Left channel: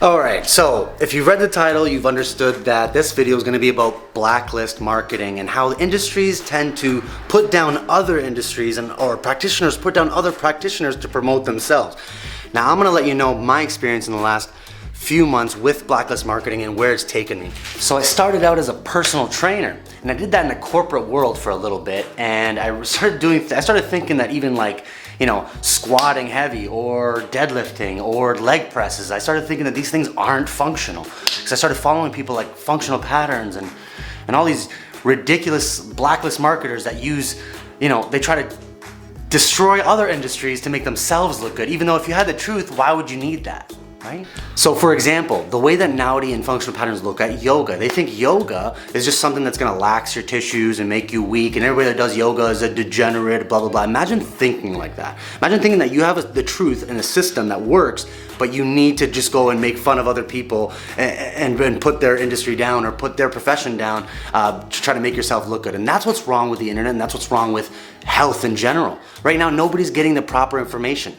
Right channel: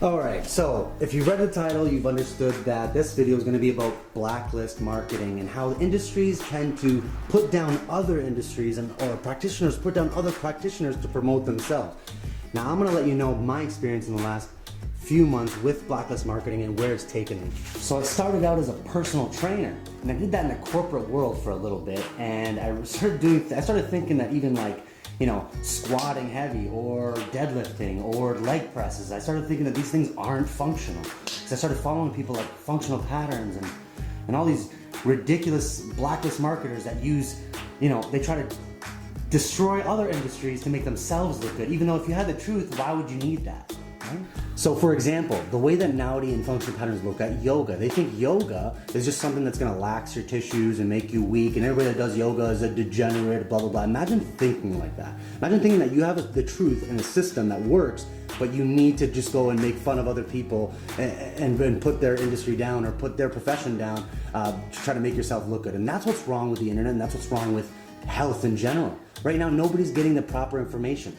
Alright, so if you've read the title, you've understood that this video is going to be about blacklist marketing and how industries tend to put down other industries or practitioners put down other practitioners to promote themselves. Now I'm going to let you know my experience in the last few months with blacklist marketing and where it's taken me. So I started out as a personal trainer, and I did that in the corporate world for a little bit, and I started thinking that even like, you know, squatting heavy or deadlifting or leg presses, I started thinking that these things aren't functional. Because I started following people like Functional Patterns and all these ridiculous blacklist marketers that use, you know, they try to destroy other industries to make themselves look good. Even though if you had the truth, why would you need that? Right? So for example, the way that Naudi and Functional Patterns look at yoga, they think yoga is just something that's gonna lax your tissues and make you weak, and everybody that does yoga is a degenerate, blah, blah, blah. Imagine thinking like that. Imagine thinking that you have the truth and a system that works, but you need to just go and make fun of other people and put their industry down or put their profession down to try to make yourself look good. And that's what's wrong with the internet, and that's what's wrong with health in general. Right now, nobody's getting the proper information.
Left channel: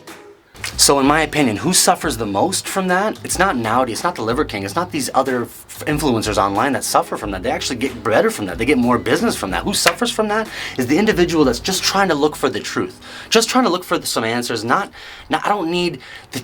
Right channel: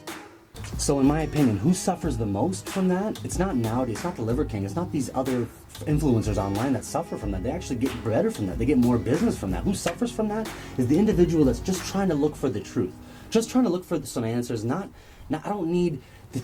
So in my opinion, who suffers the most from that? It's not Naudi, it's not the Liver King, it's not these other influencers online that suffer from that. They actually get better from that. They get more business from that. Who suffers from that is the individual that's just trying to look for the truth. Just trying to look for some answers. I don't need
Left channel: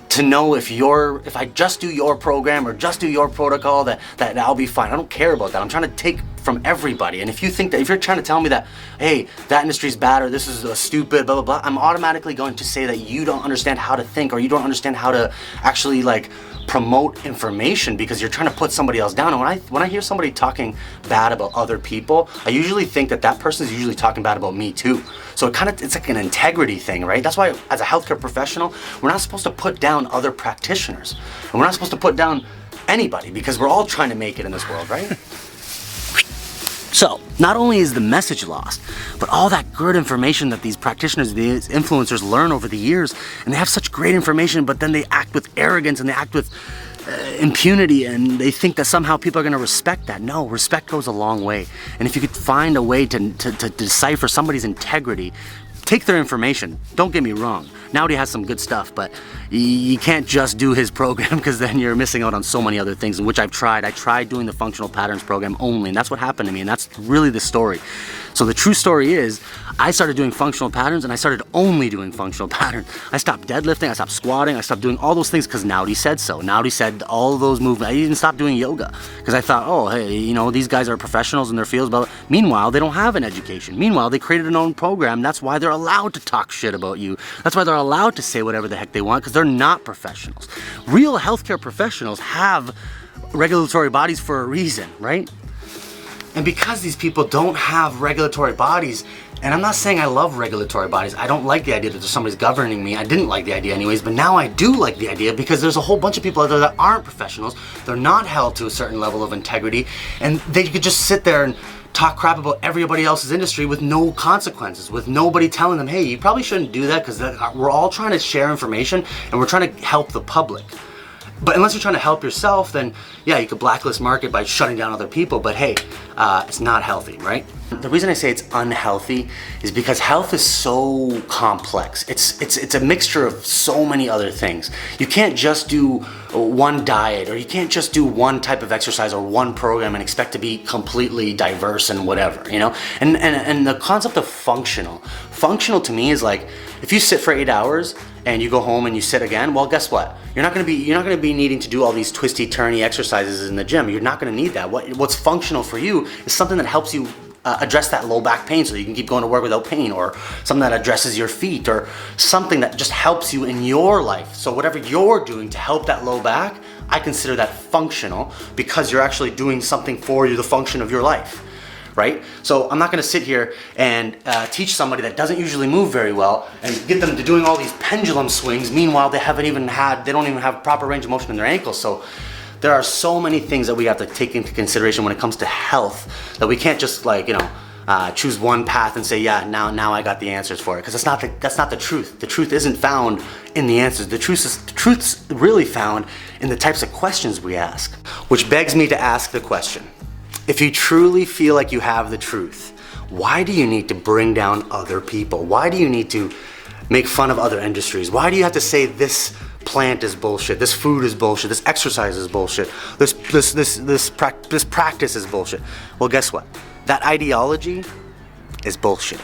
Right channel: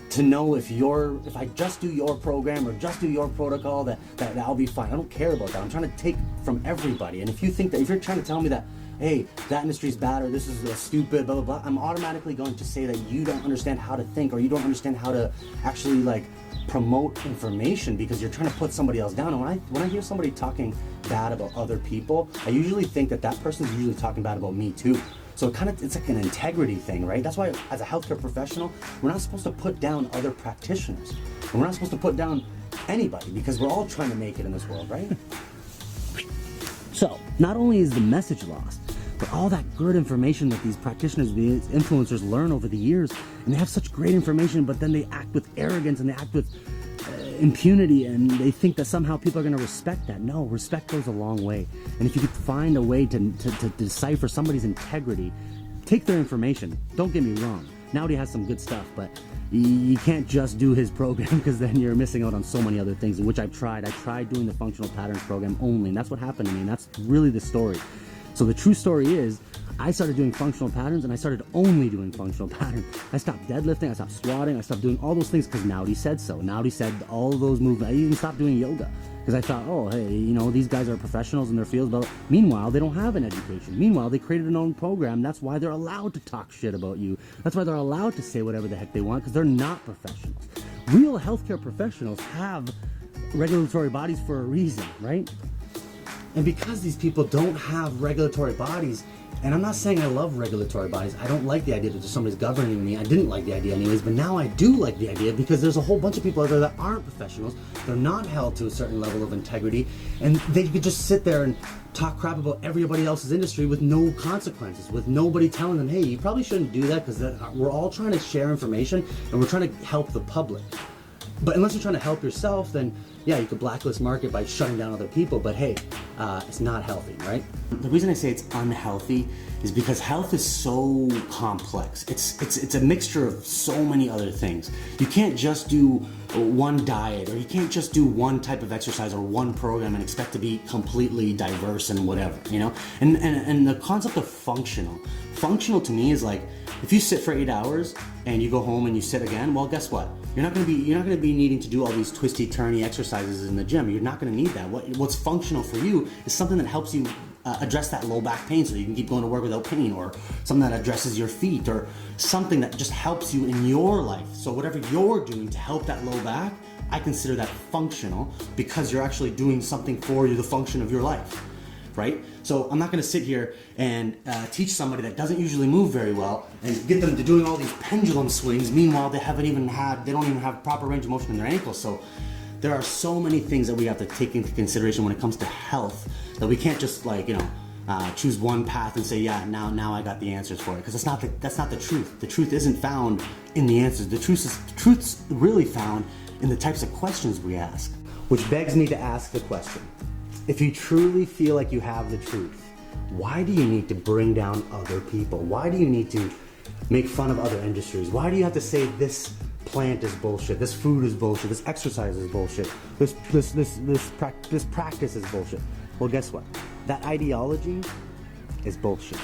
to know if I just do your program or just do your protocol that I'll be fine. I don't care about that. I'm trying to take from everybody. And if you think that, if you're trying to tell me that, hey, that industry's bad or this is a stupid, blah, blah, blah, I'm automatically going to say that you don't understand how to think or you don't understand how to actually like promote information because you're trying to put somebody else down. And when I hear somebody talking bad about other people, I usually think that person is usually talking bad about me too. So it's like an integrity thing, right? That's why as a healthcare professional, we're not supposed to put down other practitioners. And we're not supposed to put down anybody because we're all trying to make it in this world, right? So, not only is the message lost, but all that good information that these practitioners, these influencers learn over the years, and they have such great information, but then they act with arrogance and they act with impunity, and they think that somehow people are gonna respect that. No, respect goes a long way. And if you could find a way to decipher somebody's integrity, take their information. Don't get me wrong. Naudi has some good stuff, but you can't just do his program because then you're missing out on so many other things, which I've tried. I tried doing the Functional Patterns program only, and that's what happened to me, and that's really the story. So the true story is, I started doing Functional Patterns and I started only doing Functional Patterns. I stopped deadlifting, I stopped squatting, I stopped doing all those things because Naudi said so. Naudi said all of those movements. I even stopped doing yoga because I thought, oh, hey, you know, these guys are professionals in their fields, but meanwhile, they don't have an education. Meanwhile, they created an own program. That's why they're allowed to talk shit about you. That's why they're allowed to say whatever the heck they want because they're not professionals. Real healthcare professionals have regulatory bodies for a reason, right? And because these people don't have regulatory bodies, and I'm not saying I love regulatory bodies, I don't like the idea that there's somebody's governing me. I didn't like the idea anyways, but now I do like the idea because there's a whole bunch of people out there that aren't professionals. They're not held to a certain level of integrity, and they could just sit there and talk crap about everybody else's industry with no consequences, with nobody telling them, hey, you probably shouldn't do that because we're all trying to share information and we're trying to help the public. But unless you're trying to help yourself, then yeah, you could blacklist market by shutting down other people, but hey, it's not healthy, right? The reason I say it's unhealthy is because health is so complex. It's a mixture of so many other things. You can't just do one diet, or you can't just do one type of exercise or one program and expect to be completely diverse and whatever, you know? And the concept of functional to me is like, if you sit for 8 hours and you go home and you sit again, well, guess what? You're not gonna be needing to do all these twisty turny exercises in the gym. You're not gonna need that. What's functional for you is something that helps you address that low back pain so you can keep going to work without pain, or something that addresses your feet, or something that just helps you in your life. So whatever you're doing to help that low back, I consider that functional because you're actually doing something for you, the function of your life. Right? So I'm not gonna sit here and teach somebody that doesn't usually move very well and get them to doing all these pendulum swings. Meanwhile, they don't even have proper range of motion in their ankles. So there are so many things that we have to take into consideration when it comes to health that we can't just like, you know, choose one path and say, yeah, now I got the answers for it. Because that's not the truth. The truth isn't found in the answers. The truth's really found in the types of questions we ask. Which begs me to ask the question, if you truly feel like you have the truth, why do you need to bring down other people? Why do you need to make fun of other industries? Why do you have to say this plant is bullshit, this food is bullshit, this exercise is bullshit, this practice is bullshit. Well, guess what? That ideology is bullshit.